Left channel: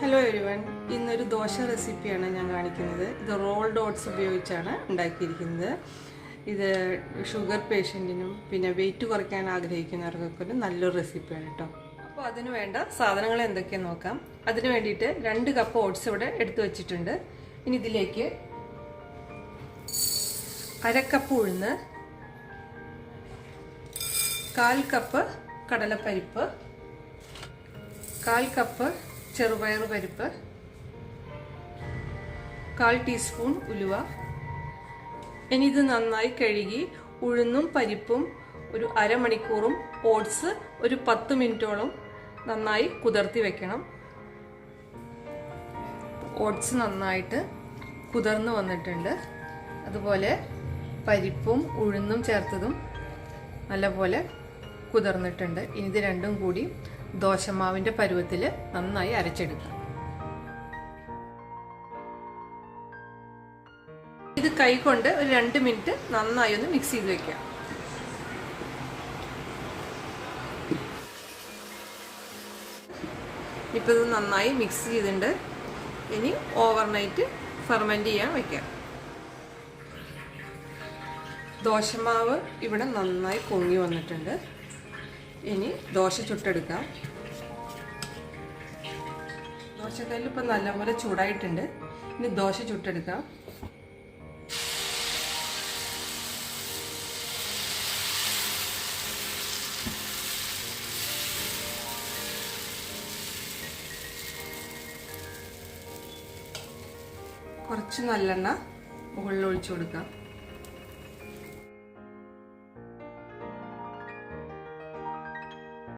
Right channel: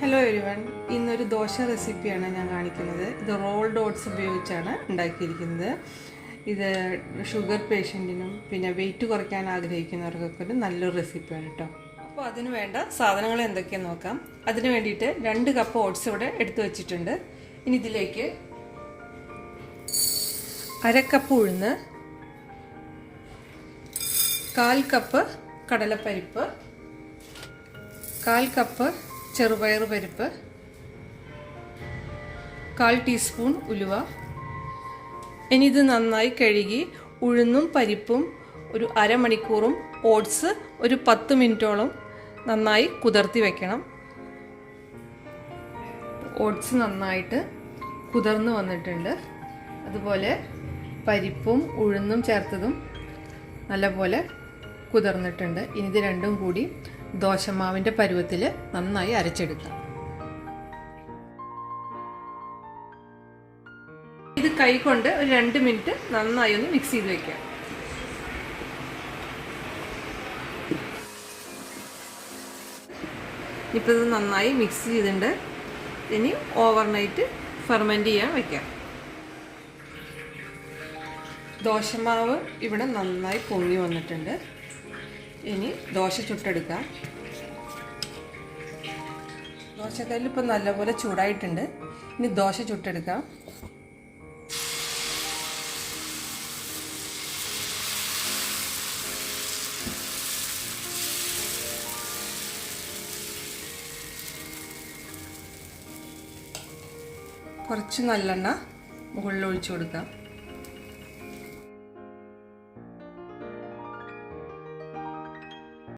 Hello everyone ഇന്നൊരു ദോശ റെസിപ്പിയാണ് ഞാൻ കാണിക്കുന്നത്. ഇത് റോൾ ഡോട്ട്സ് ഉപയോഗിച്ചാണ് ഉണ്ടാക്കിയിരിക്കുന്നത്. ഇത് ഷുഗർ പേഷ്യന്റിനും പിന്നെ വെയിറ്റ് കുറയ്ക്കാൻ ആഗ്രഹിക്കുന്നവർക്കൊക്കെ ഒരു നല്ലൊരു റെസിപ്പിയാണ് കേട്ടോ അപ്പോൾ അതിന് വേണ്ട സാധനങ്ങൾ എന്തൊക്കെയാണെന്ന് നോക്കാം. അതിന് വേണ്ടിയിട്ട് രണ്ട് കപ്പ് ഓട്സ് ഇവിടെ എടുത്തു വച്ചിട്ടുണ്ട്. ഇനി ഇതിലേക്ക് അരക്കപ്പ് ഉഴുന്ന് കാൽ കപ്പ് കടലപ്പരിപ്പ് കാൽ കപ്പ് ചെറുപയർ പരിപ്പ് കാൽ ടീസ്പൂൺ ഉലുവ. ഇനി ഇത് നന്നായി കഴുകി ഉഴുന്നും പരിപ്പും ഒരു അരമണിക്കൂറും ഓട്സ് ഒരു പത്ത് മിനിറ്റോളം നന്നായി കുതിർത്തി വെക്കണം. ഓട്സ് നന്നായിട്ട് കുതിർന്ന് വന്നിട്ടുണ്ട്. അതുപോലെ പരിപ്പും ഉഴുന്നും ചേർത്തതും നല്ലപോലെ കുതിർന്നിട്ടുണ്ട്. ഇനി ഇത് രണ്ടും കൂടി ദോശമാവിന്റെ പരുവത്തിൽ നന്നായി അരച്ചെടുക്കാം. ഇത് കൈ കൊണ്ട് ഒരു രണ്ട് മിനിറ്റ് നന്നായി ഒന്ന് മിക്സ് ചെയ്ത് വെക്കാം. ഇപ്പോൾ ഇത് നന്നായി മിക്സ് ചെയ്തിട്ടുണ്ട്. ഇനി ഓവർനൈറ്റ് ഫെർമെന്റ് ചെയ്യാൻ വെക്കാം. ദോശമാവ് ഇവിടെ നന്നായി പൊങ്ങി വന്നിട്ടുണ്ട്. ഇനി ദോശ ചുട്ടെടുക്കാം. ദോശക്കല്ല് ഇപ്പം നല്ലപോലെ ചൂടായിട്ടുണ്ട്. ഇനി ദോശ ചുട്ടെടുക്കാം. കുറച്ച് നല്ലെണ്ണ മുകളിൽ ഒഴിച്ചു കൊടുക്കാം.